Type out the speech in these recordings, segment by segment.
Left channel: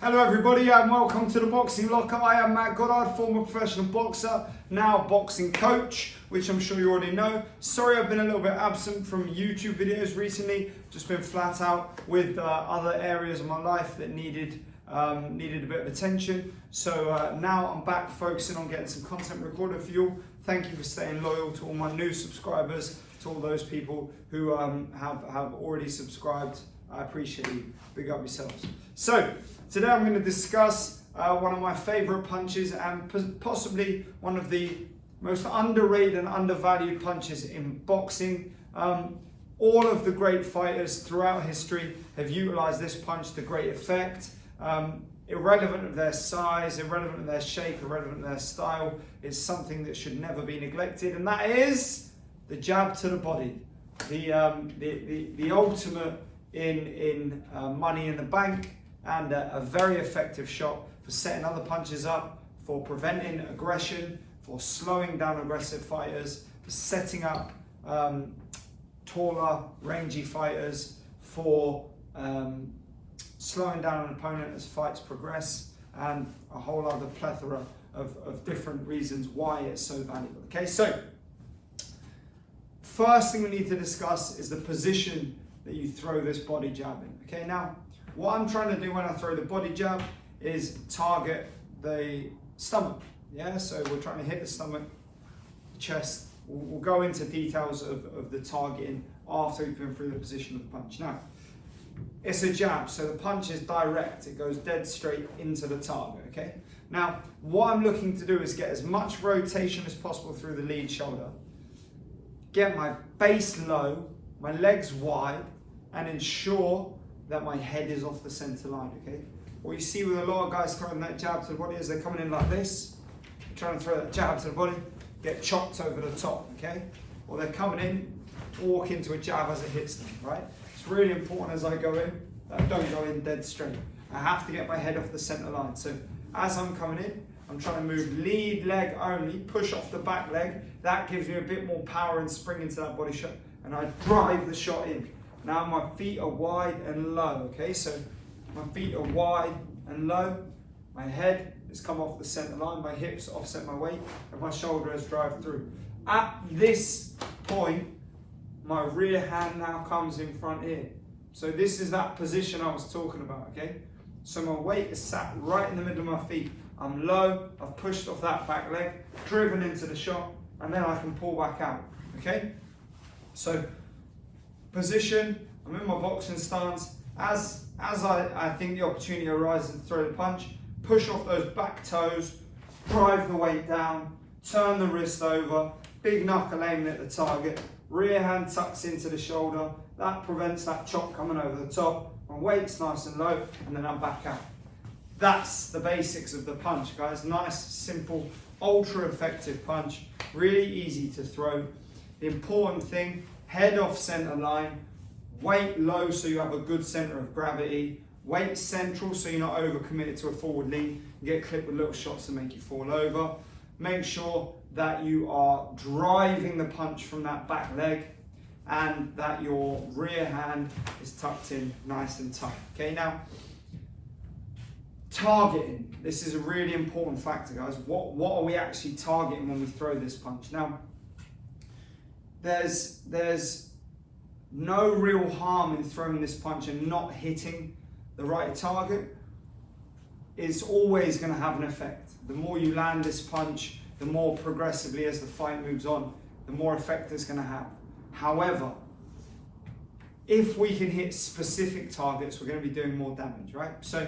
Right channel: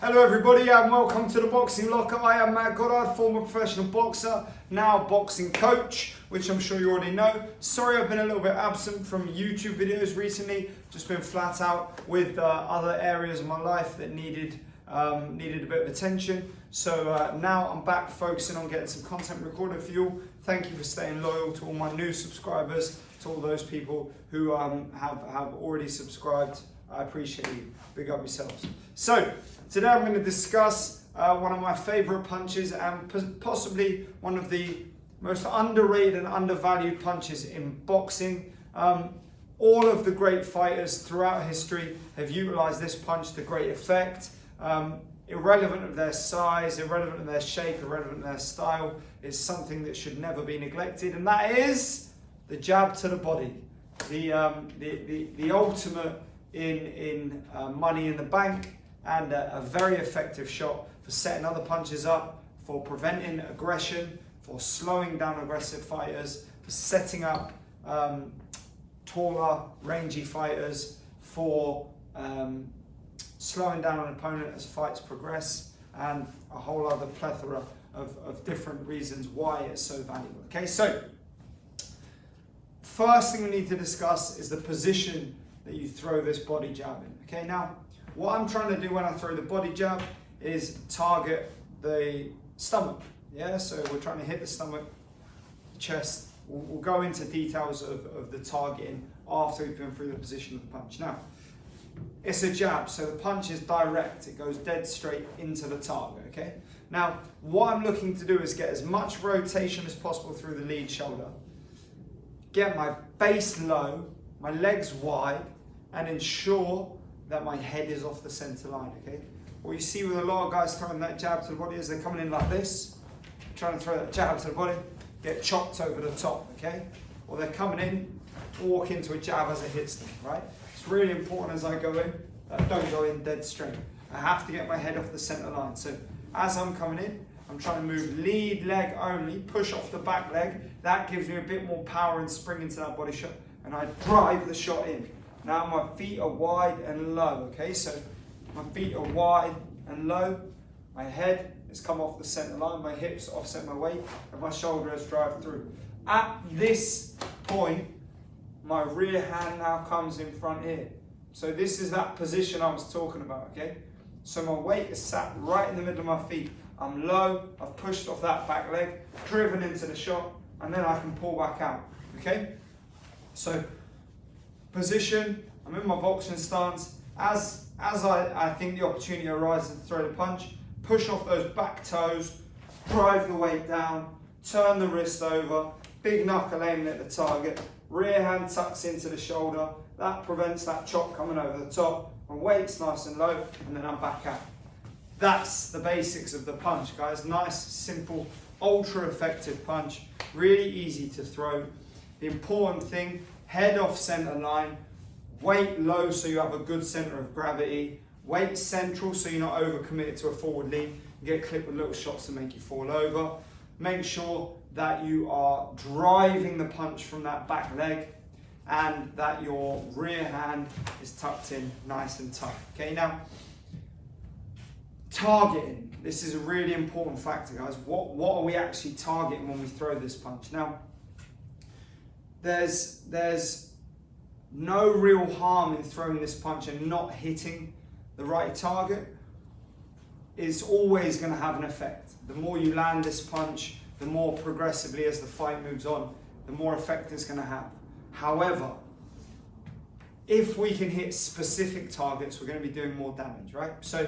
Hello everybody and welcome to the Boxing Locker. I am Matt Goddard, former professional boxer, now boxing coach, which I'm sure you already know. Sorry I've been a little bit absent from YouTube videos recently, just been flat out with other areas of my life that needed a bit of attention. So now I'm back focusing on getting some content recorded for you. Thank you for staying loyal to all my new subscribers, to all those people who have already subscribed. I appreciate you. Big up yourselves. So today I'm going to discuss one of my favorite punches and possibly one of the most underrated and undervalued punches in boxing. All of the great fighters throughout history have utilized this punch to great effect. Irrelevant of their size, irrelevant of their shape, irrelevant of their style, is something that should never be neglected, and that is the jab to the body. The ultimate in money in the bank, and a very effective shot for setting other punches up, for preventing aggression, for slowing down aggressive fighters, for setting up taller, rangy fighters, for slowing down an opponent as fights progress, and a whole other plethora of different reasons why it's so valuable. Okay, so first thing we need to discuss is the position that you throw this body jab in. Okay, now what I'm trying to do when I throw the body jab is target the stomach. Yeah, so we're trying to hit the stomach, chest. We'll go into details of the targeting after we've been through the position of the punch. Now, it's a jab, so the punch is direct. It goes dead straight into the target, okay? Now, what I'm looking to do is get as much rotation as possible through the lead shoulder, get my base low, my legs wide, and ensure that my head is off the center line, okay? What you see with a lot of guys throwing that jab to the body is they're coming in like this, trying to throw that jab to the body, get chopped over the top, okay? Or they're coming in, walk into a jab as it hits them, right? It's really important as I go in, that I don't go in dead straight. I have to get my head off the center line. So as I'm coming in, I'm trying to move lead leg only, push off the back leg. That gives me a bit more power and spring into that body shot, and I drive the shot in. Now my feet are wide and low, okay? So my feet are wide and low. My head has come off the center line, my hips offset my weight, and my shoulder has drive through. At this point, my rear hand now comes in front here. So this is that position I was talking about, okay? So my weight is sat right in the middle of my feet. I'm low, I've pushed off that back leg, driven into the shot, and then I can pull back out, okay? So position, I'm in my boxing stance. As I think the opportunity arises to throw the punch, push off those back toes, drive the weight down, turn the wrist over, big knuckle aiming at the target, rear hand tucks into the shoulder. That prevents that chop coming over the top. My weight's nice and low, and then I'm back out. That's the basics of the punch, guys. Nice, simple, ultra effective punch. Really easy to throw. The important thing, head off center line, weight low so you have a good center of gravity, weight central so you're not overcommitted to a forward lean. You get clipped with little shots to make you fall over. Make sure that you are driving the punch from that back leg and that your rear hand is tucked in nice and tight. Okay, now targeting. This is a really important factor, guys. What are we actually targeting when we throw this punch? Now, there's no real harm in throwing this punch and not hitting the right target. It's always going to have an effect. The more you land this punch, the more progressively as the fight moves on, the more effect it's going to have. However, if we can hit specific targets, we're going to be doing more damage, right? So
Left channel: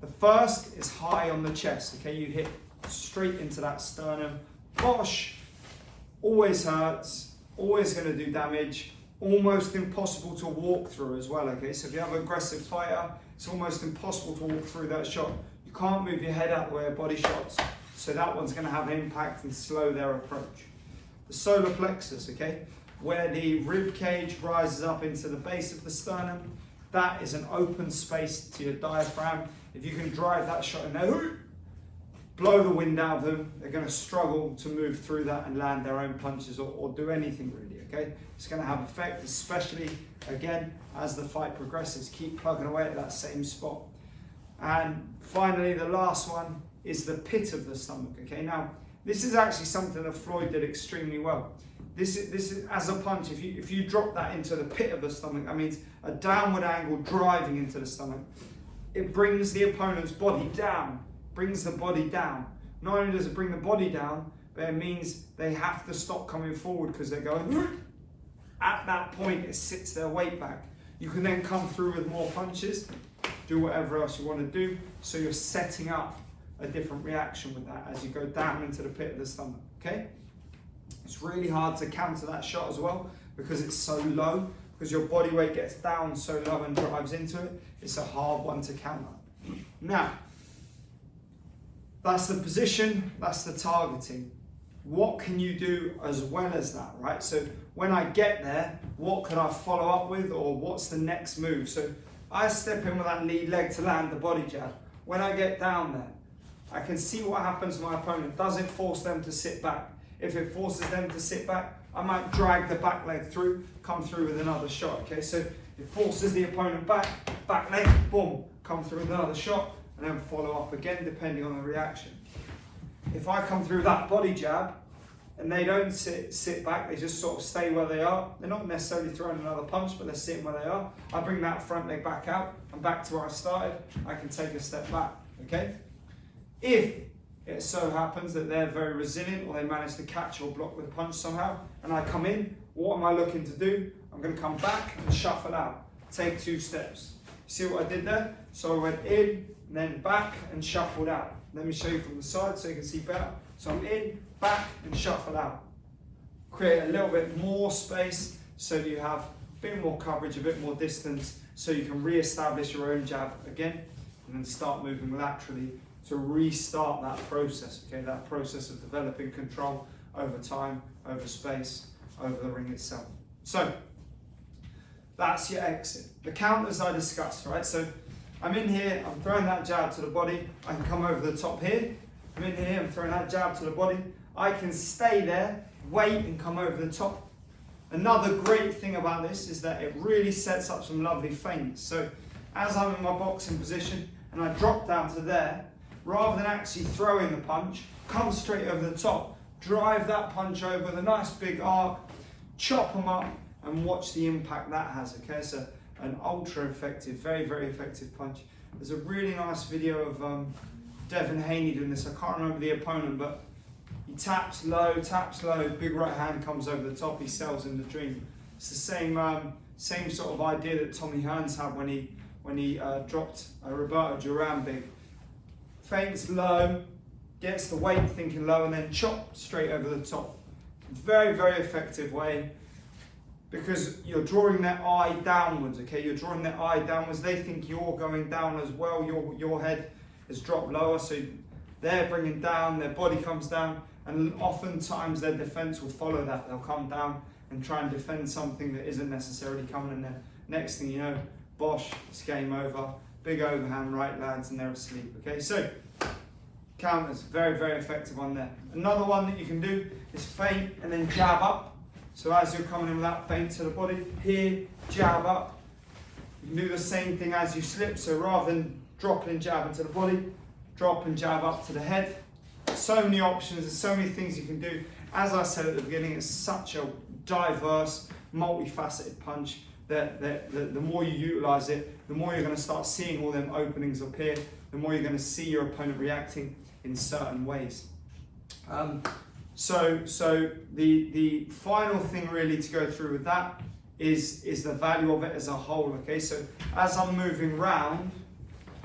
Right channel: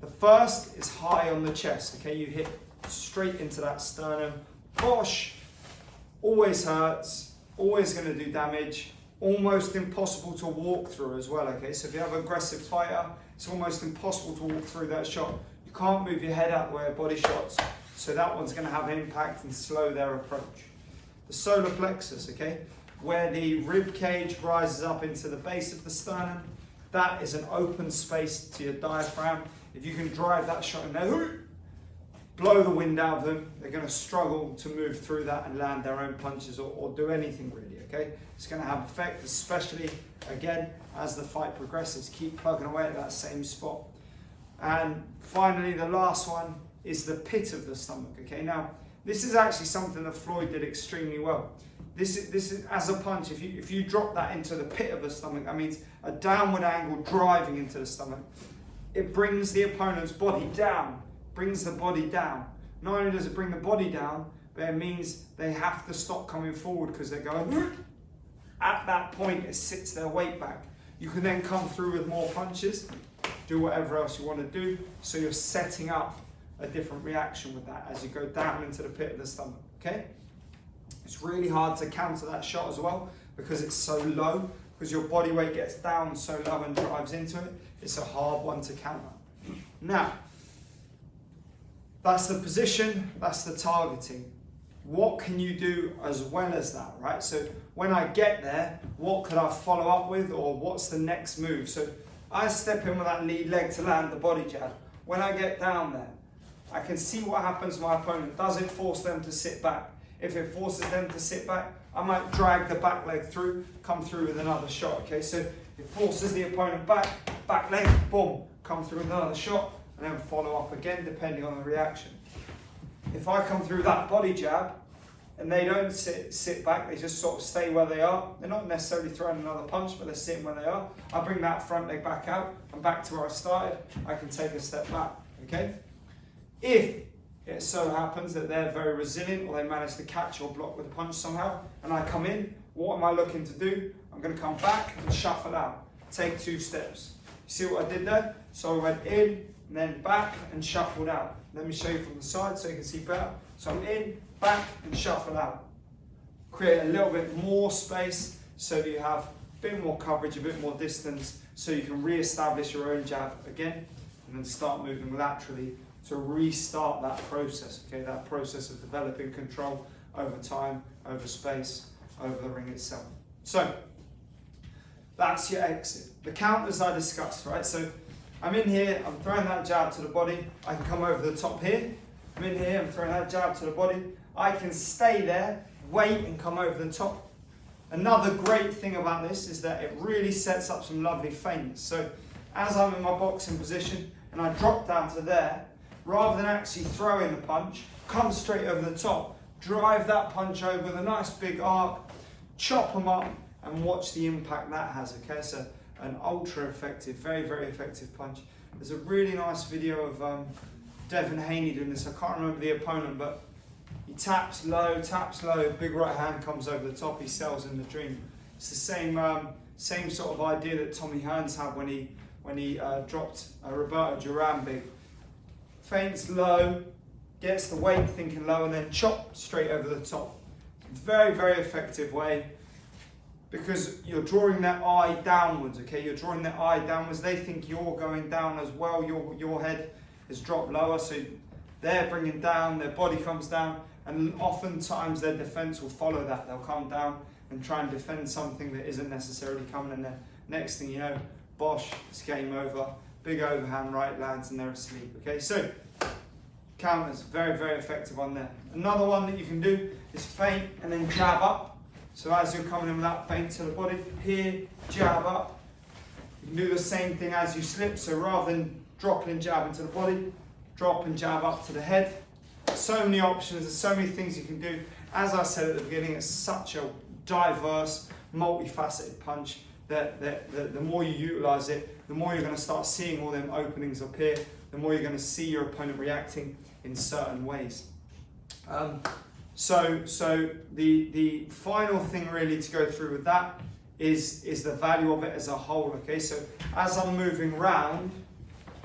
the first is high on the chest, okay? You hit straight into that sternum. Bosh! Always hurts, always going to do damage, almost impossible to walk through as well, okay? So if you have an aggressive fighter, it's almost impossible to walk through that shot. You can't move your head out the way of body shots, so that one's going to have impact and slow their approach. The solar plexus, okay? Where the rib cage rises up into the base of the sternum, that is an open space to your diaphragm. If you can drive that shot in there, blow the wind out of them, they're going to struggle to move through that and land their own punches or do anything really, okay? It's going to have effect, especially, again, as the fight progresses. Keep plugging away at that same spot. And finally, the last one is the pit of the stomach. Okay, now this is actually something that Floyd did extremely well. This is as a punch. If you drop that into the pit of the stomach, that means a downward angle driving into the stomach. It brings the opponent's body down. Brings the body down. Not only does it bring the body down, but it means they have to stop coming forward because they're going. At that point, it sits their weight back. You can then come through with more punches, do whatever else you want to do. So you're setting up a different reaction with that as you go down into the pit of the stomach, okay? It's really hard to counter that shot as well because it's so low, because your body weight gets down so low and drives into it. It's a hard one to counter. Now, that's the position, that's the targeting. What can you do as well as that, right? So when I get there, what could I follow up with, or what's the next move? So I step in with that lead leg to land the body jab. When I get down there, I can see what happens to my opponent. Does it force them to sit back? If it forces them to sit back, I might drag the back leg through, come through with another shot, okay? So it forces the opponent back leg, boom, come through with another shot, and then follow up again, depending on the reaction. If I come through that body jab, and they don't sit back, they just sort of stay where they are. They're not necessarily throwing another punch, but they're sitting where they are. I bring that front leg back out, and back to where I started. I can take a step back, okay? If it so happens that they're very resilient, or they manage to catch or block with a punch somehow, and I come in, what am I looking to do? I'm gonna come back and shuffle out. Take 2 steps. You see what I did there? So I went in, and then back, and shuffled out. Let me show you from the side so you can see better. So I'm in, back, and shuffle out. Create a little bit more space so that you have a bit more coverage, a bit more distance, so you can re-establish your own jab again, and then start moving laterally to restart that process, okay? That process of developing control over time, over space, over the ring itself. So that's your exit. The counters I discussed, right? So I'm in here, I'm throwing that jab to the body, I can come over the top here. I'm in here, I'm throwing that jab to the body. I can stay there, wait, and come over the top. Another great thing about this is that it really sets up some lovely feints. So as I'm in my boxing position and I drop down to there, rather than actually throwing the punch, come straight over the top, drive that punch over with a nice big arc, chop them up, and watch the impact that has, okay? It's an ultra effective, very, very effective punch. There's a really nice video of Devin Haney doing this. I can't remember the opponent, but he taps low, big right hand comes over the top, he sells in the dream. It's the same sort of idea that Tommy Hearns had when he dropped Roberto Duran big. Feints low, gets the weight thinking low, and then chop straight over the top. Very, very effective way, because you're drawing their eye downwards, okay? You're drawing their eye downwards. They think you're going down as well. Your head is dropped lower, so they're bringing down, their body comes down, and oftentimes their defense will follow that. They'll come down and try and defend something that isn't necessarily coming, and then next thing you know, bosh, it's game over. Big overhand right lands and they're asleep, okay? So, counters, very, very effective on there. Another one that you can do is feint and then jab up. So as you're coming in with that feint to the body, here, jab up. You can do the same thing as you slip, so rather than dropping and jabbing to the body, drop and jab up to the head. So many options, there's so many things you can do. As I said at the beginning, it's such a diverse, multifaceted punch that the more you utilize it, the more you're going to start seeing all them openings appear, the more you're going to see your opponent reacting in certain ways. So the final thing really to go through with that is the value of it as a whole, okay? So as I'm moving round,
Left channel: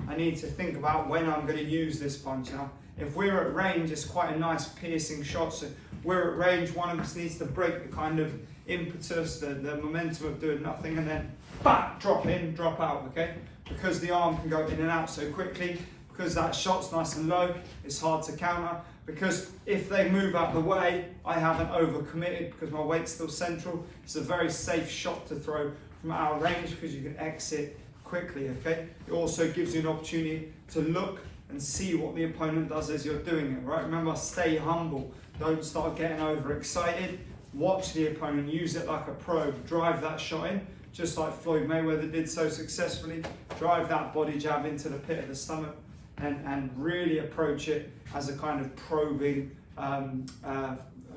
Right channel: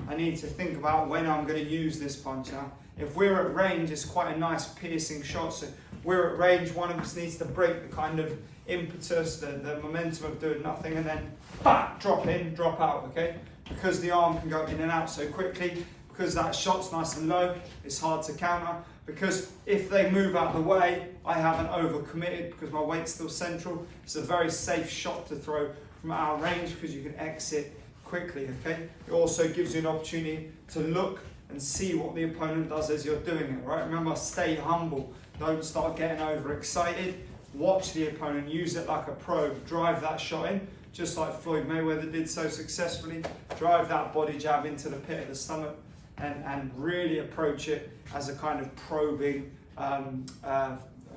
I need to think about when I'm going to use this punch. Now, if we're at range, it's quite a nice piercing shot. So we're at range, one of us needs to break the kind of impetus, the momentum of doing nothing, and then back, drop in, drop out, okay? Because the arm can go in and out so quickly, because that shot's nice and low, it's hard to counter. Because if they move out of the way, I haven't overcommitted because my weight's still central. It's a very safe shot to throw from out of range because you can exit quickly, okay? It also gives you an opportunity to look and see what the opponent does as you're doing it, right? Remember, stay humble. Don't start getting overexcited. Watch the opponent, use it like a probe, drive that shot in, just like Floyd Mayweather did so successfully. Drive that body jab into the pit of the stomach and really approach it as a kind of probing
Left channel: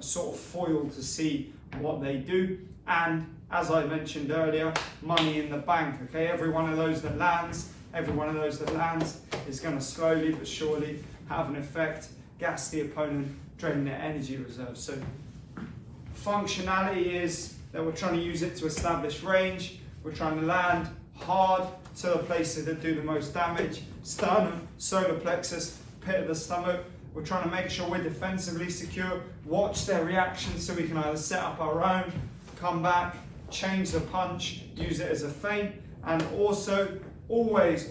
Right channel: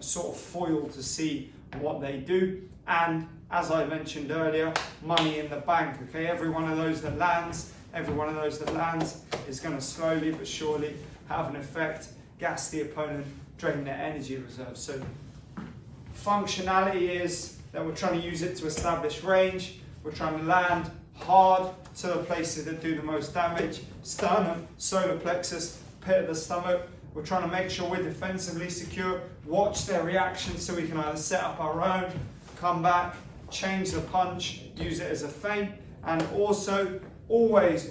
sort of foil to see what they do. And as I mentioned earlier, money in the bank, okay? Every one of those that lands is going to slowly but surely have an effect, gas the opponent, drain their energy reserves. So functionality is that we're trying to use it to establish range. We're trying to land hard to the places that do the most damage: sternum, solar plexus, pit of the stomach. We're trying to make sure we're defensively secure, watch their reactions so we can either set up our own, come back, change the punch, use it as a feint, and also always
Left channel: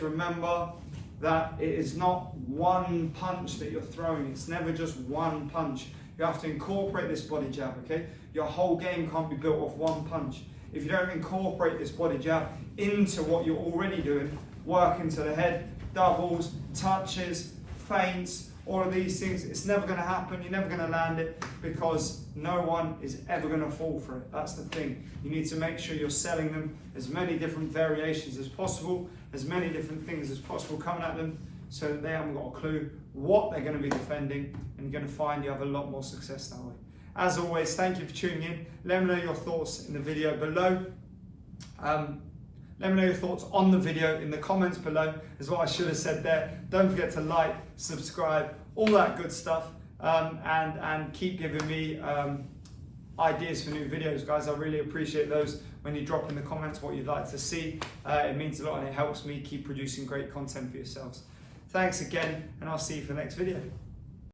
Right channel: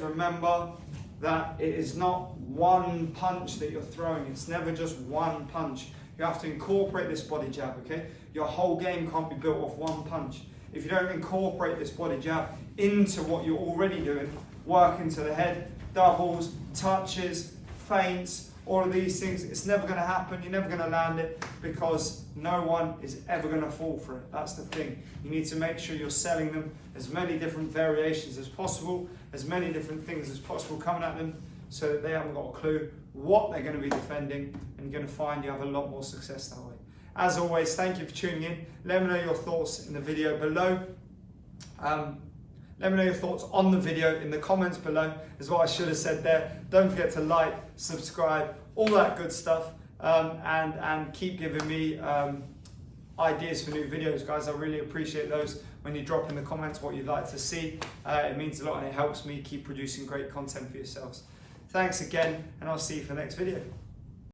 remember that it is not one punch that you're throwing. It's never just one punch. You have to incorporate this body jab, okay? Your whole game can't be built off one punch. If you don't incorporate this body jab into what you're already doing, work into the head, doubles, touches, feints, all of these things, it's never going to happen. You're never going to land it because no one is ever going to fall for it. That's the thing. You need to make sure you're selling them as many different variations as possible, as many different things as possible coming at them, so that they haven't got a clue what they're going to be defending, and you're going to find you have a lot more success that way. As always, thank you for tuning in. Let me know your thoughts in the video below. Let me know your thoughts on the video in the comments below, is what I should have said there. Don't forget to like, subscribe, all that good stuff, and keep giving me ideas for new videos, guys. I really appreciate those when you drop in the comments what you'd like to see. It means a lot and it helps me keep producing great content for yourselves. Thanks again, and I'll see you for the next video.